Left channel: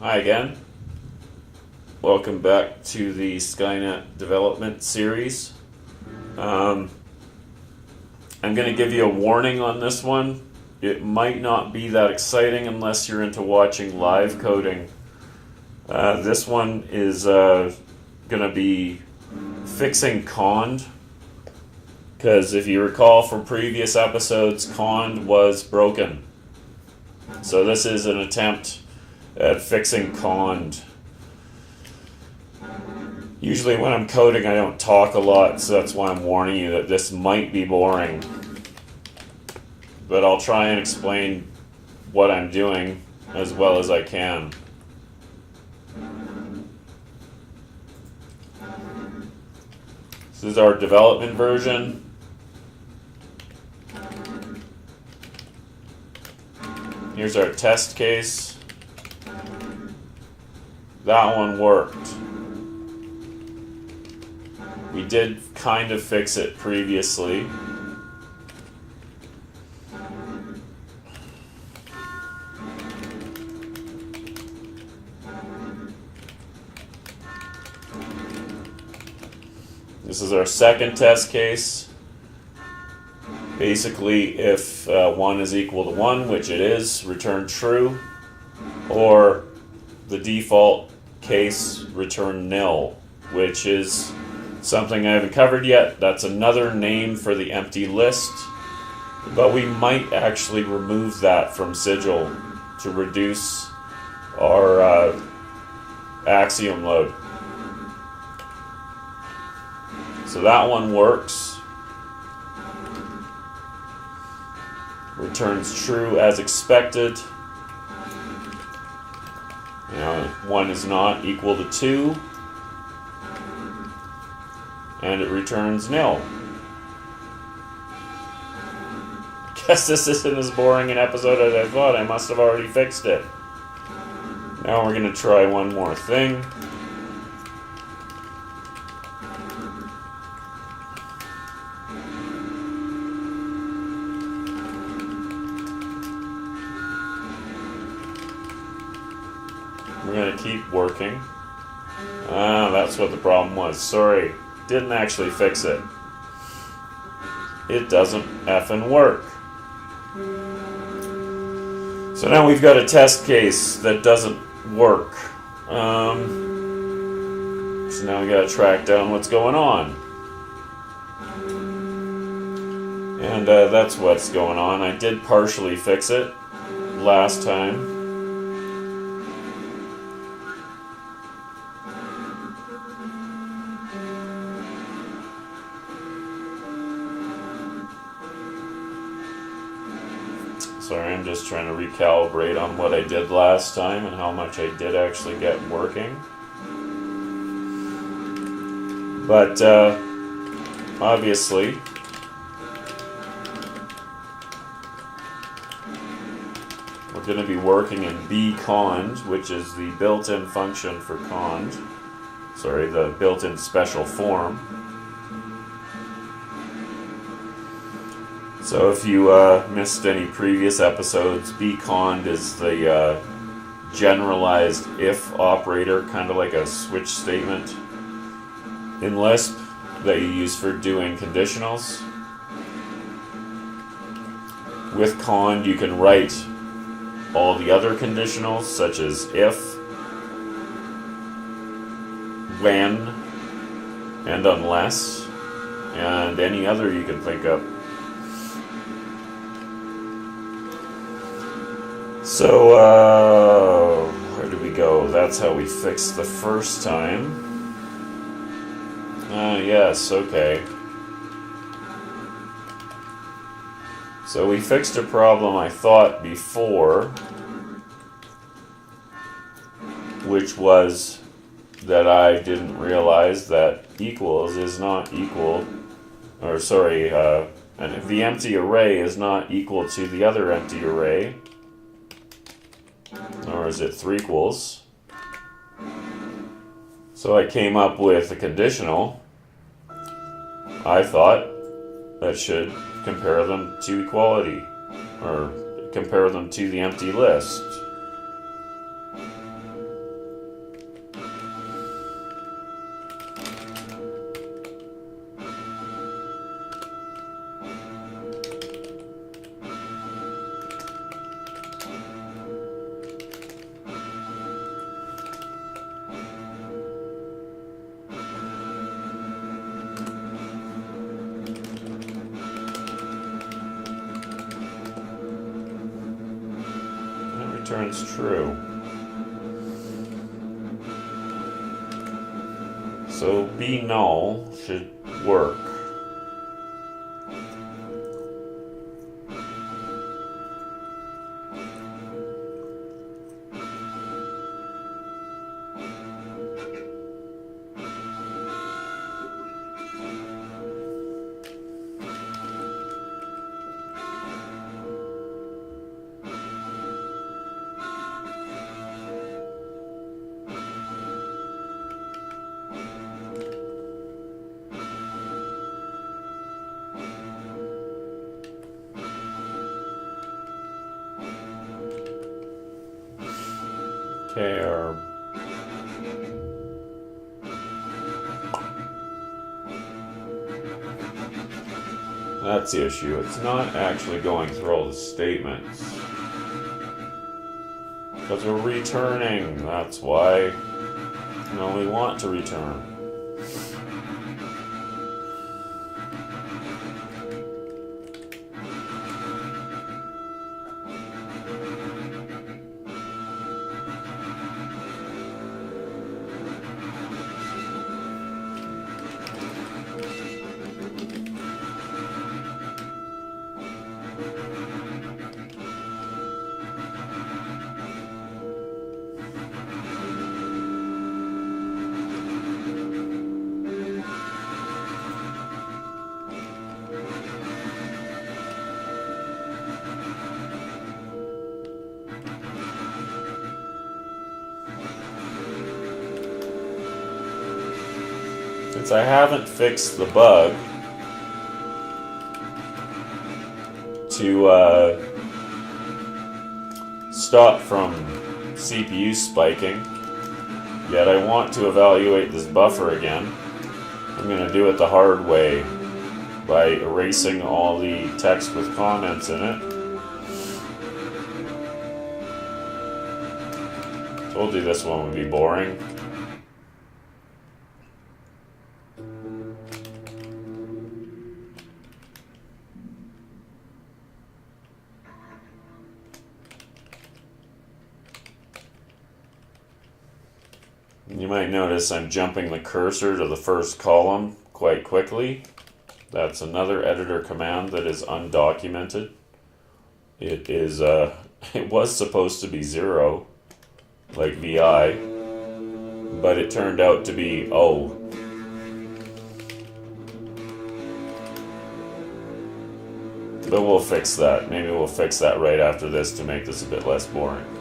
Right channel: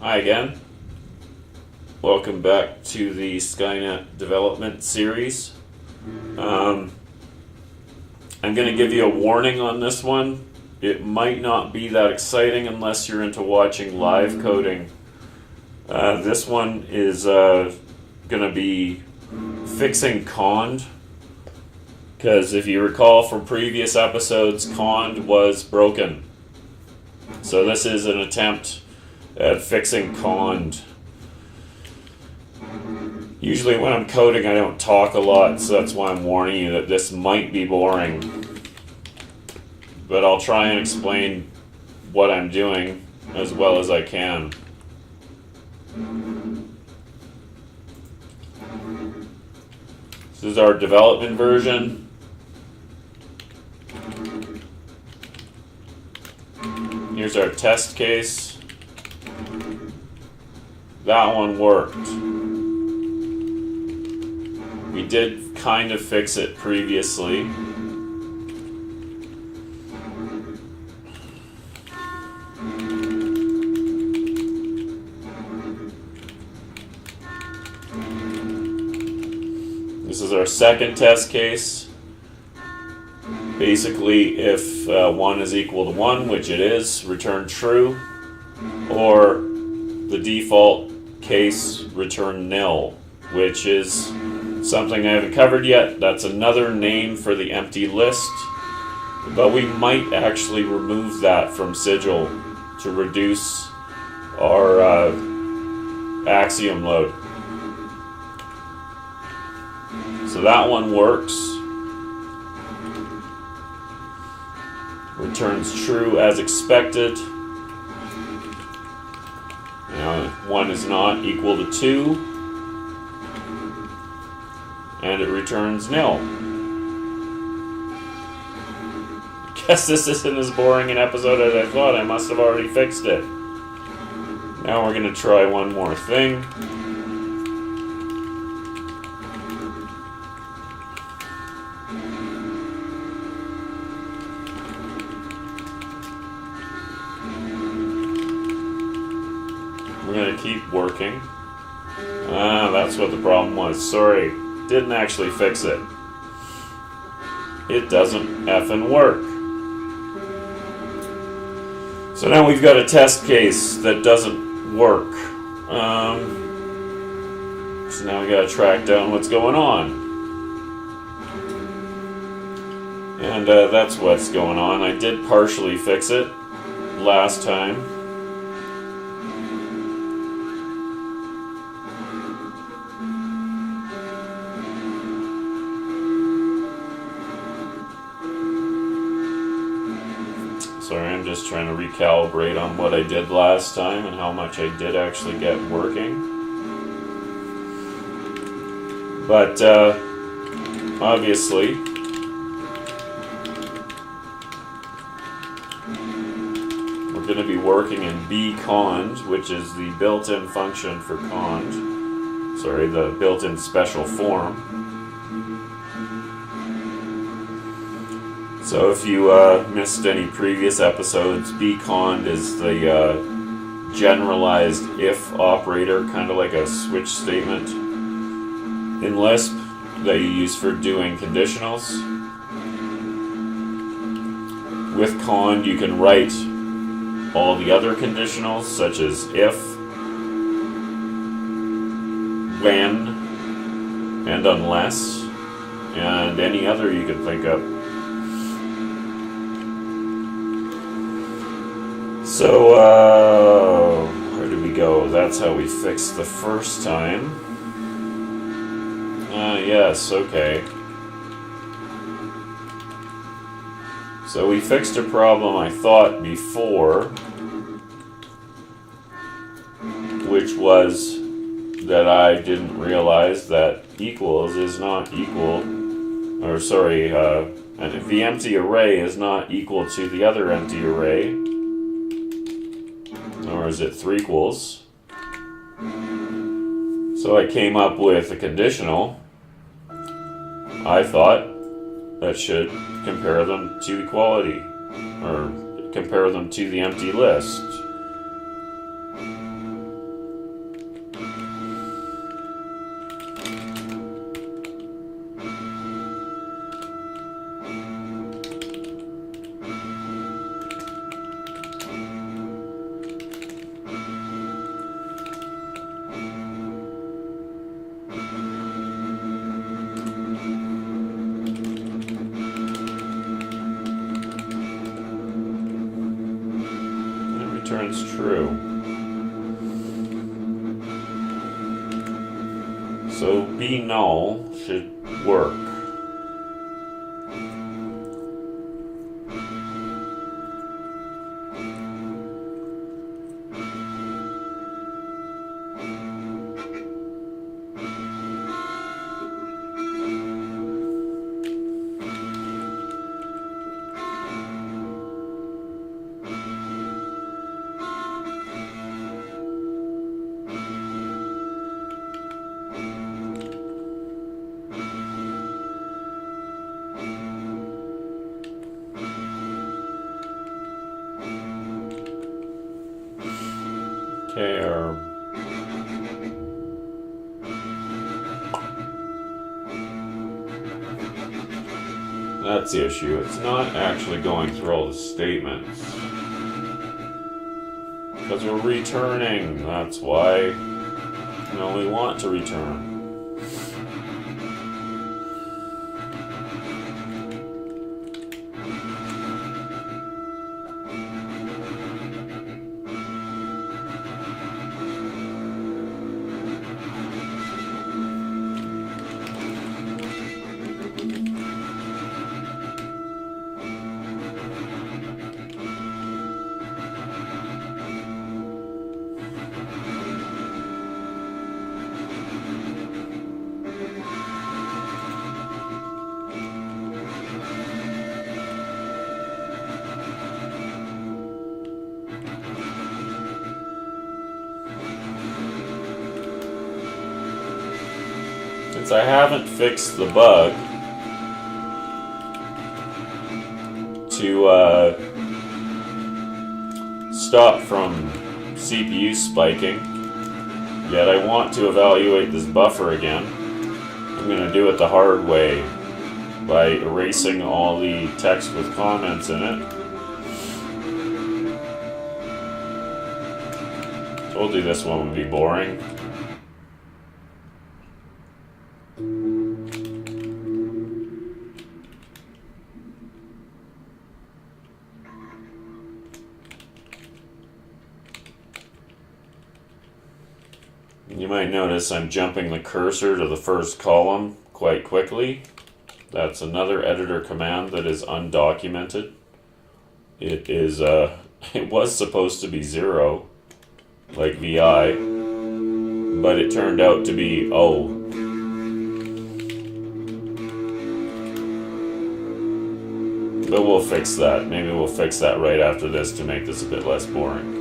Hi again. Welcome back to the Skynet development series. I'm going to give you a warning on this one. It might not be that exciting unless you're into watching live coding. This one is going to be fixing cond, because if you recall from previous episodes, cond was broken. So this is an attempt at fixing cond. Usually when I'm coding I don't talk a lot, so that's why I'm warning you that this might be boring. But I'll try and explain what I'm doing as well as I can. This is our development version. Here's our test case. That one worked. We did kind of fix it previously. This is our second test case. Basically, if 1 is equal to 1, which it is, return true, or the default case, return nil, which is something I haven't covered yet. That's another name for the empty list, but we might actually remove that from Sigil to reduce our axiom load. So that one works. Returns true as expected. Now 1 is not equal to 2. And it returns nil. Guess this isn't as boring an episode as I thought. I must have already fixed it. Now we're going to try one more thing. We're going to keep working. That's what the problem was. Sorry. Didn't actually fix it. It doesn't effing work. So now we've got a test case that doesn't work. So now we gotta track down what's going on. And that's what's going on. I did partially fix it last time. Sorry, I'm just trying to recalibrate on what I did last time and how much I did actually get working. But obviously, we're going to be working in bcond, which is the built-in function for cond. Sorry, the built-in special form. So if you missed any previous episodes, bcond is the generalized if operator, kind of like a switch statement in Lisp that you use for doing conditionals. With cond you can write all the other conditionals, such as if, when, and unless, and any other you can think of. So, where do we go? That's how we fixed the first time. Yes, okay. So we fixed a problem I thought before, which was that I didn't realize that equals is not equal, or sorry, and the empty array is not equal to the other empty array. Or is it 3 equals? So I came up with a conditional, I thought, that should compare them to equality, or compare them to the empty list. returns true. So be null should work. Okay, that's the issue. It's not actually going through all the statements. Because we're returning. That's why we want to return. Since I haven't fixed the bug to stop from CPU spiking, yet I want to evaluate this buffer again, I'm going to do it the hard way by erasing all the text with comments in it. Told you this one would be boring. You might notice I'm jumping the cursor to the first column quite quickly. That's another editor command that is undocumented. It is it was supposed to be 0, like VI, but it turned out to be O. But we'll fix that. Maybe we'll fix that right after this to make this a bit less boring.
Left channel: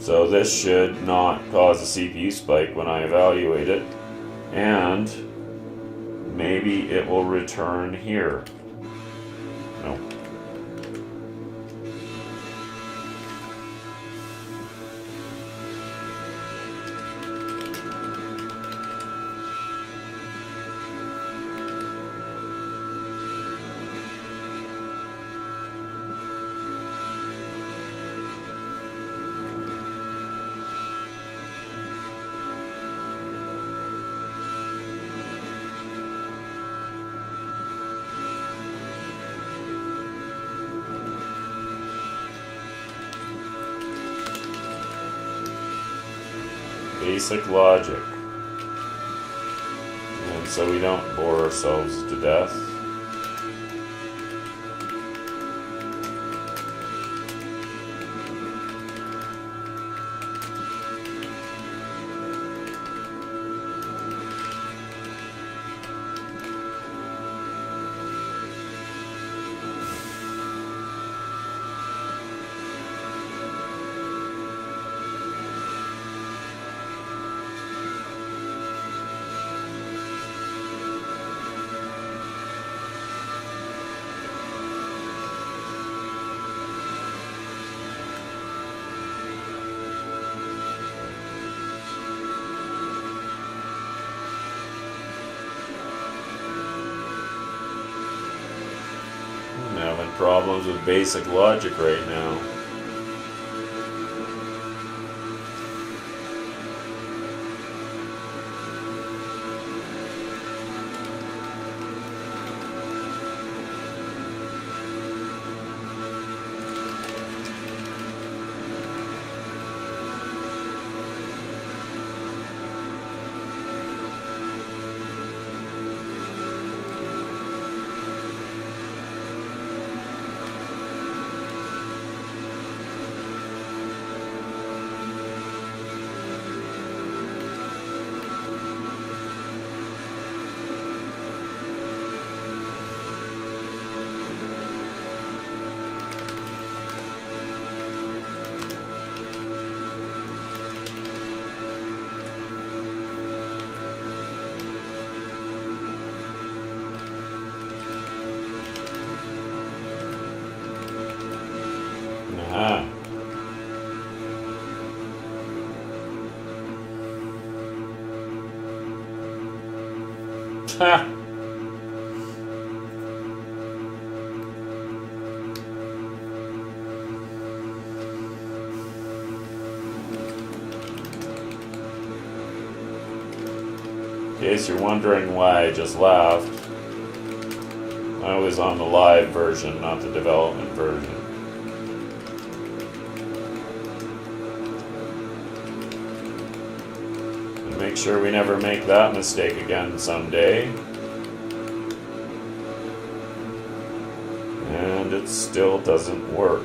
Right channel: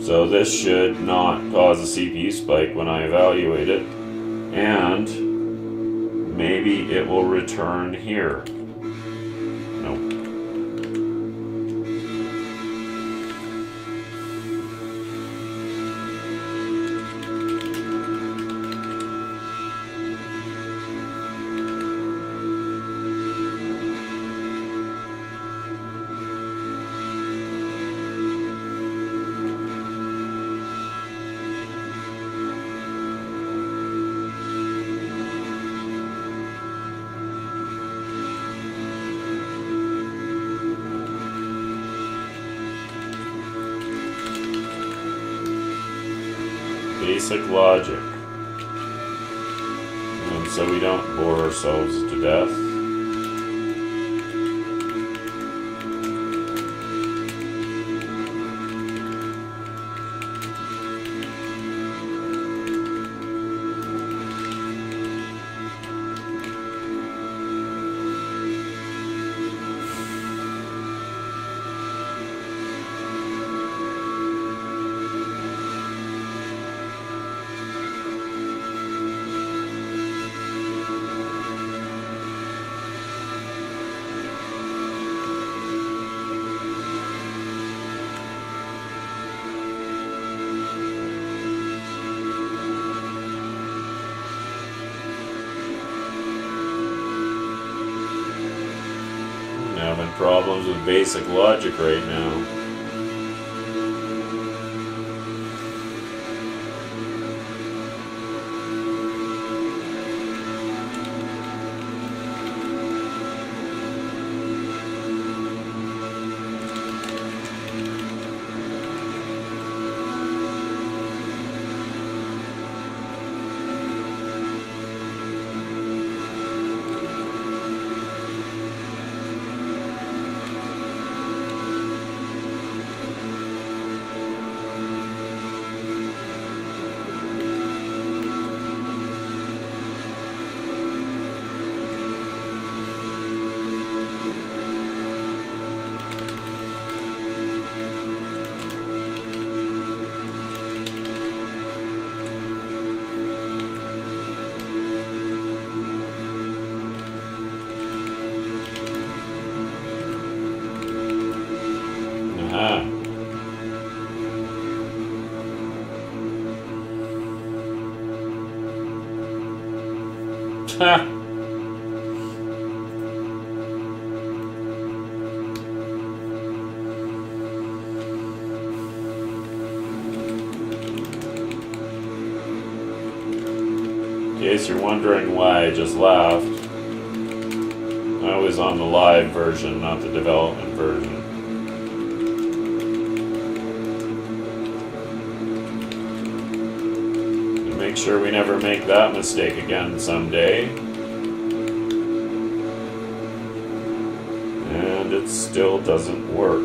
So this should not cause a CPU spike when I evaluate it, and maybe it will return here. No. Basic logic. And so we don't bore ourselves to death. Having problems with basic logic right now. Ha! In case you're wondering why I just laughed, I was on the live version, not the development version. And make sure we never make that mistake again someday. And it still doesn't work.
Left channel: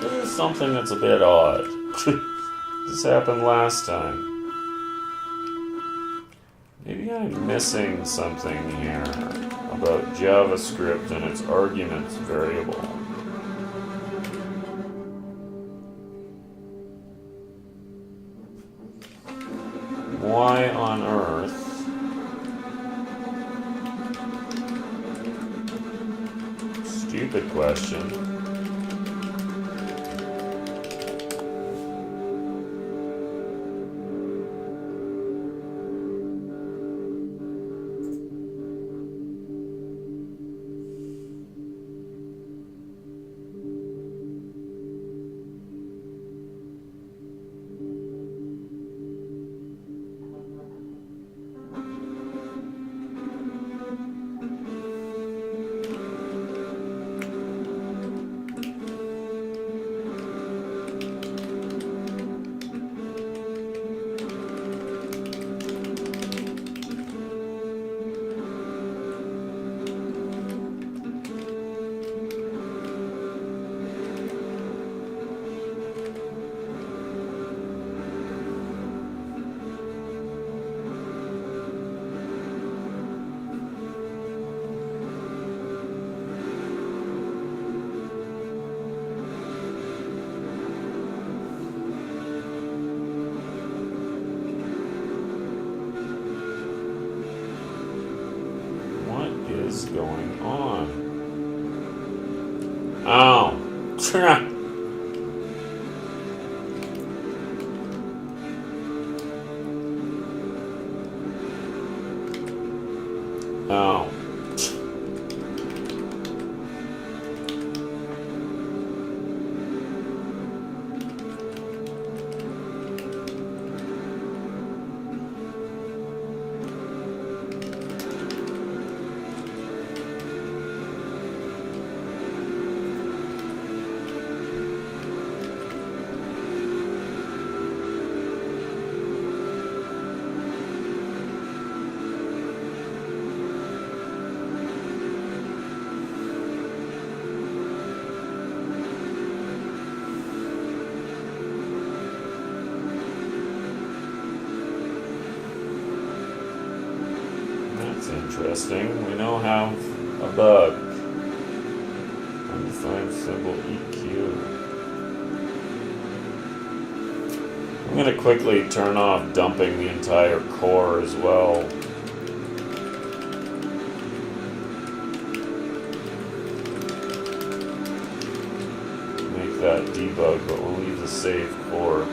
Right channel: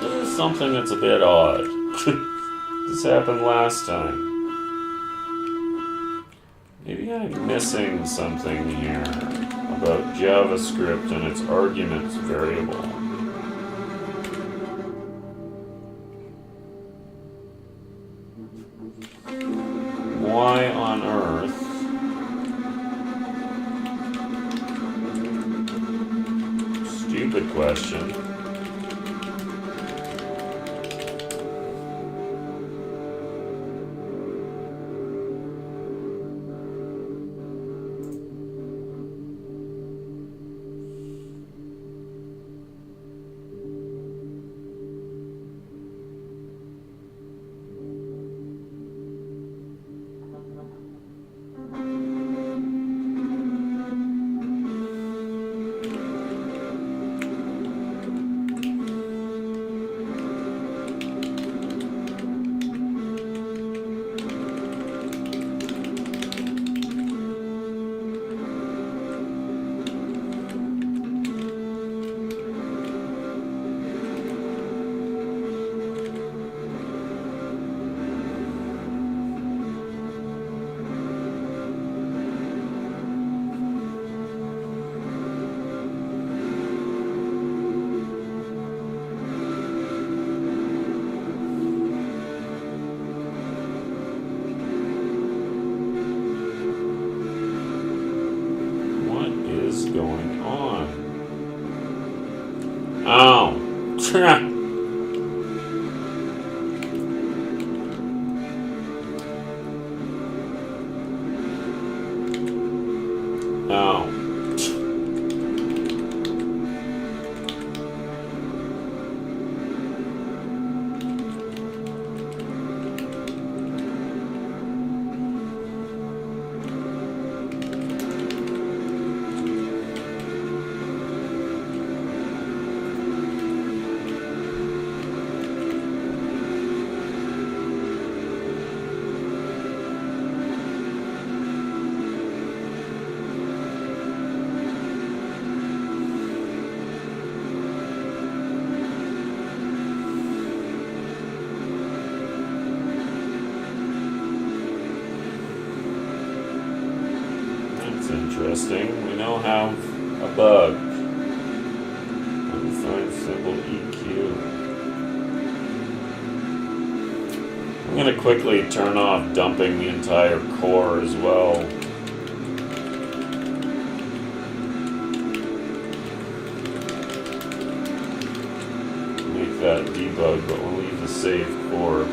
This is something that's a bit odd. This happened last time. Maybe I'm missing something here about JavaScript and its arguments variable. Why on earth? Stupid question. Going on? Oh. Oh. Interesting. We now have a bug. Undefined symbol EQ. going to quickly turn off dumping the entire core as well. Make that debug, but we'll leave the save core.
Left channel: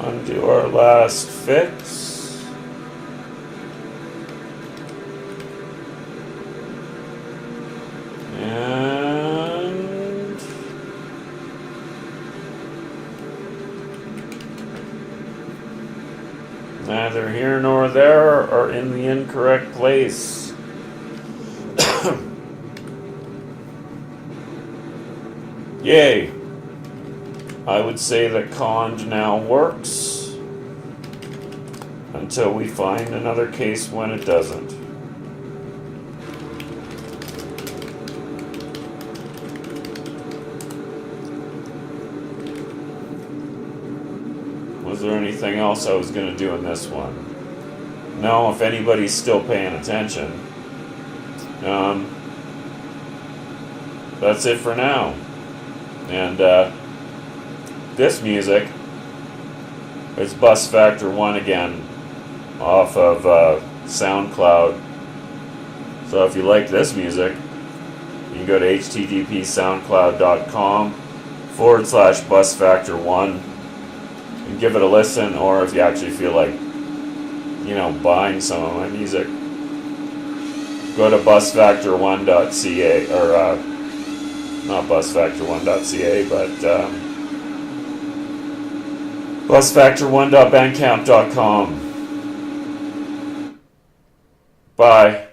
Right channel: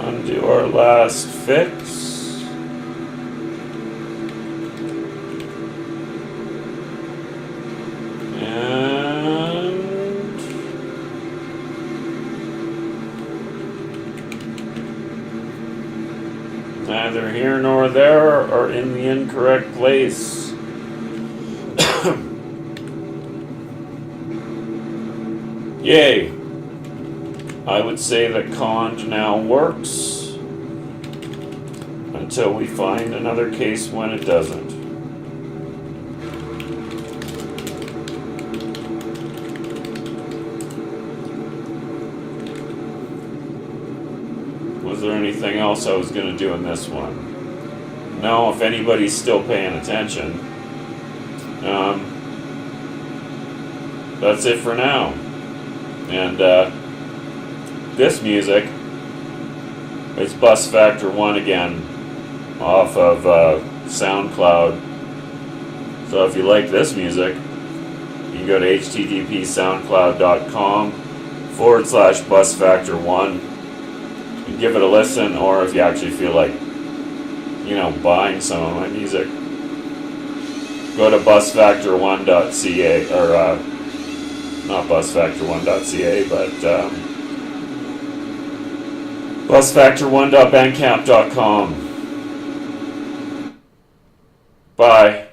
Undo our last fix. And neither here nor there are in the incorrect place. Yay! I would say that Conj now works. until we find another case when it doesn't. Was there anything else I was going to do in this one? No, if anybody's still paying attention. That's it for now. And this music is Bus Factor 1 again, off of SoundCloud. So if you like this music, you can go to http://soundcloud.com/busfactor1 and give it a listen, or if you actually feel like, buying some of my music, go to busfactor1.ca, or not busfactor1.ca, but busfactor1.bandcamp.com. Bye.